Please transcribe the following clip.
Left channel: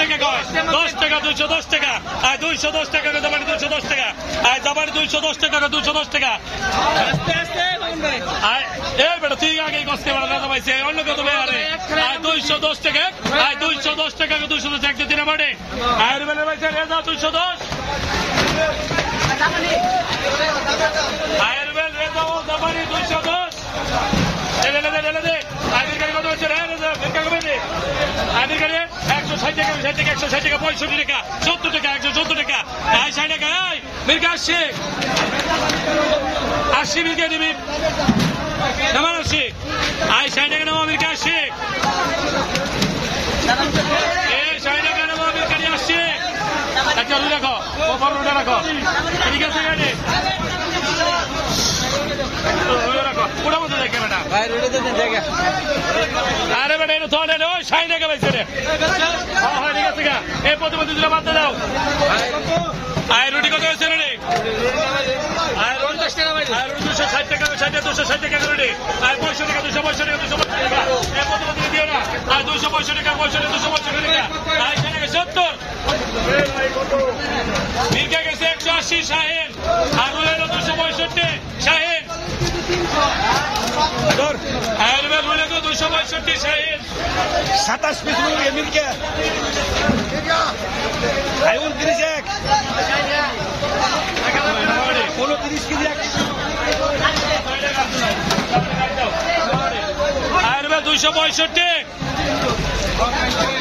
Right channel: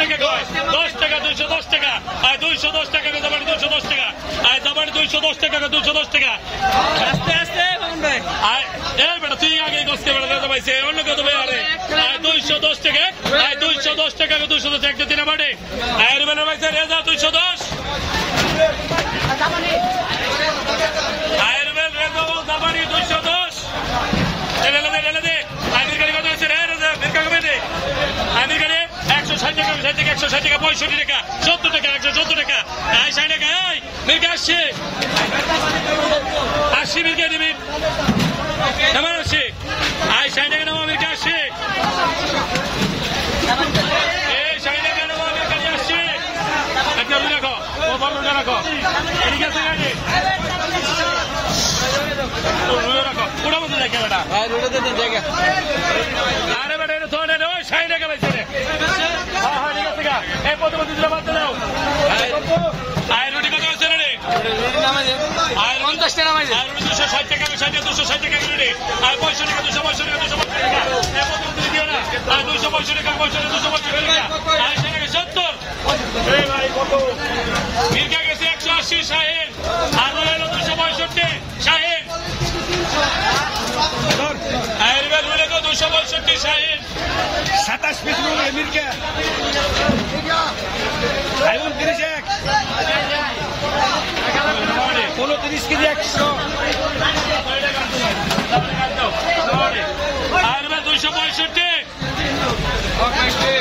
টাকা কয় 10 টাকা 210 টাকা 210 টাকা দাবাড়ি 210 টাকা দাবাড়ি 210 টাকা 210 টাকা আস্তে আস্তে মামুন ভাই এই বেটা তুই আগে কষ্ট বেড়া দাদা ভাইছে অন্য কত ভাই আরে 210 টাকা 210 টাকা 210 টাকা দিন আমারে রুবেলের ভাইছে রেজা 210 রুবেল রেজা দাবাড়ি 210 রেলে দে আমির গাড়ি কত হচ্ছে রে রেজা মিরকা কমে দে আমির গাড়ি 160 টাকা 160 টাকা 65 টাকা 70 টাকা 170 টাকা 60 টাকা এই মিরকা আসছে 80 মিরকা দিবি নামার আসছে 60 টাকা নামা মিরকা আসছে এই 60 টাকা নামা মিরকা আসছে এটা রাখো ও বড়টা রাখো ঠিক আছে গাড়ি পুরা মতো দেখে বেটা আরে বেটা এটা ধরে রে 60 টাকা পাইছে রে হ্যাঁ ঠিক আছে এই প্রতিপক্ষ দিয়ে বাদ দাও রুটি কত আছে রে রুটি 50 টাকা ভাই রুটি 260 টাকা 260 টাকা করে রে 65 টাকা 265 টাকা 265 টাকা এই প্রতিপক্ষ দিয়ে না 265 টাকা 265 টাকা 70 মির্কা গেছে 180 শাহিন আর হলো 265 শাহিন আর 265 শাহিন 27 পিস মির্কা আইন 30 এক 30 কেজি এক আর 265